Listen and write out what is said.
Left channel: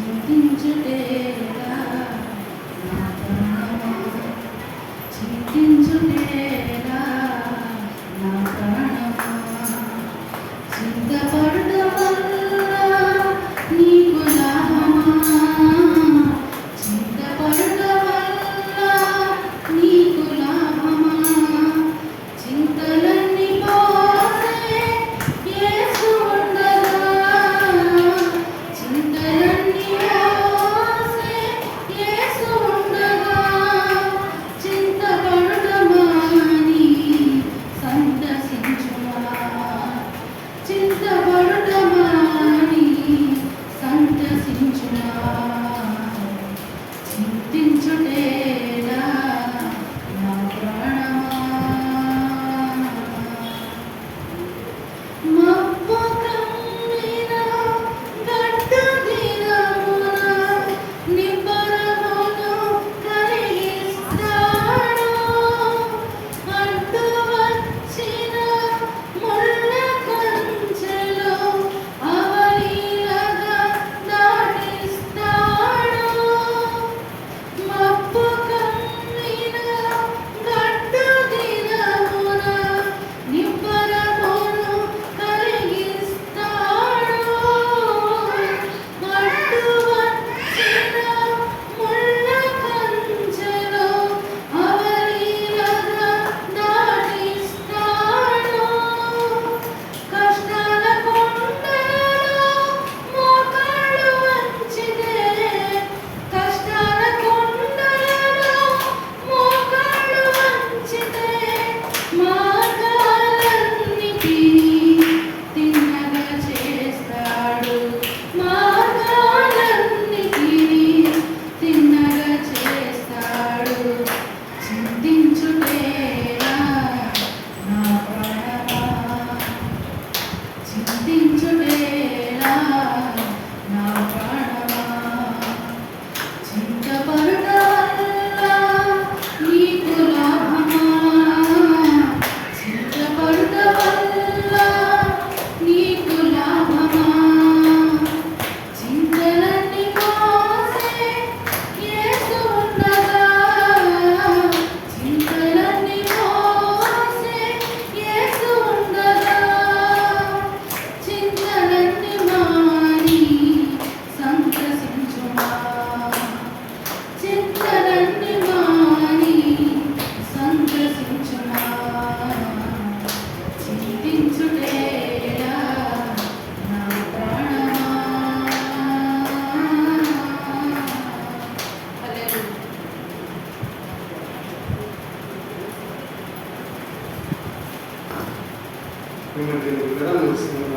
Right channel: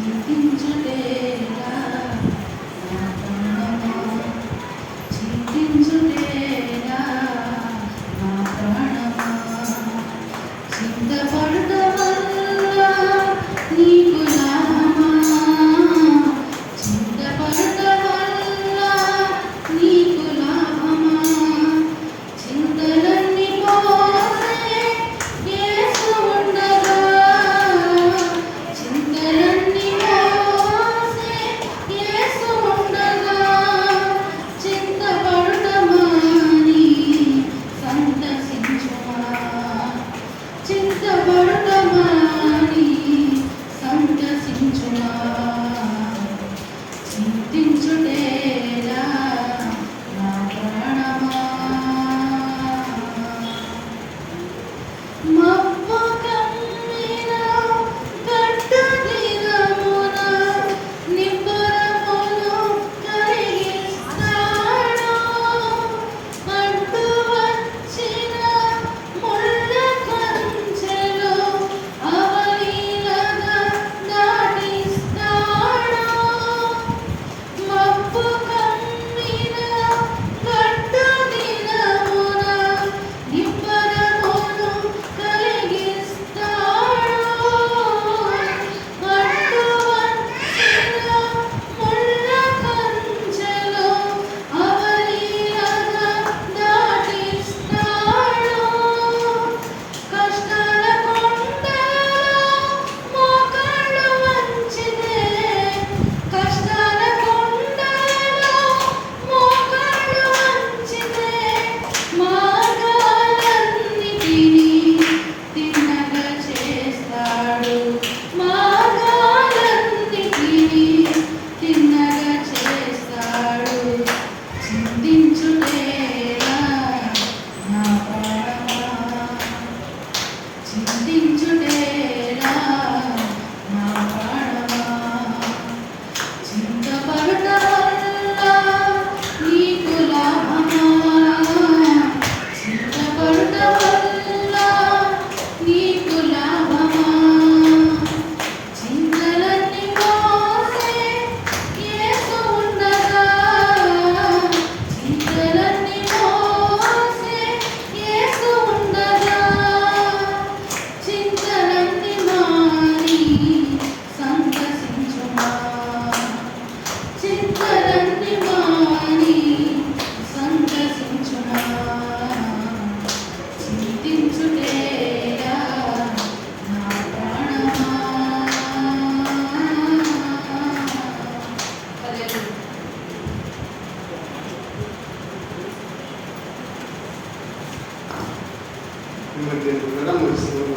చింతించుటేలా నా ప్రాణమా, చింతించుటేలా నా ప్రాణమా, చింతపడటం వల్ల నీకు లాభమా, చింతపడటం వల్ల నీకు లాభమా, చింతలన్నీ పోసే యేసు ఉండగా, చింతలన్నీ పోసే యేసు ఉండగా, చింతపడటమాని సంతసించుమా, చింతపడటమాని సంతసించుమా, చింతించుటేలా నా ప్రాణమా. మబ్బు కమ్మిన గడ్డదినమున నిబ్బరమును కలిగిస్తాడు, అడ్డు వచ్చిన ముళ్ళ కంచెలో అవలీలగా దాటిస్తాడు. మబ్బు కమ్మిన గడ్డదినమున నిబ్బరమును కలిగిస్తాడు, అడ్డు వచ్చిన ముళ్ళ కంచెలో అవలీలగా దాటిస్తాడు. కష్టాల కొండలో మోకాళ్ళు వంచితే, కష్టాల కొండలో మోకాళ్ళు వంచితే, మార్గాలన్నిటినీ తిన్నగా చేస్తాడు, మార్గాలన్నిటినీ తిన్నగా చేస్తాడు. చింతించుటేలా నా ప్రాణమా, చింతించుటేలా నా ప్రాణమా, చింతపడటం వల్ల నీకు లాభమా, చింతపడటం వల్ల నీకు లాభమా, చింతలన్నీ పోసే యేసు ఉండగా, చింతలన్నీ పోసే యేసు ఉండగా, చింతలన్నీ మాని సంతసించుమా, చింతలన్నీ మాని సంతసించుమా, చింతించుటేలా నా ప్రాణమా. హల్లెలూయా. మిమ్మల్ని వివరాలు ఇస్తున్నాను.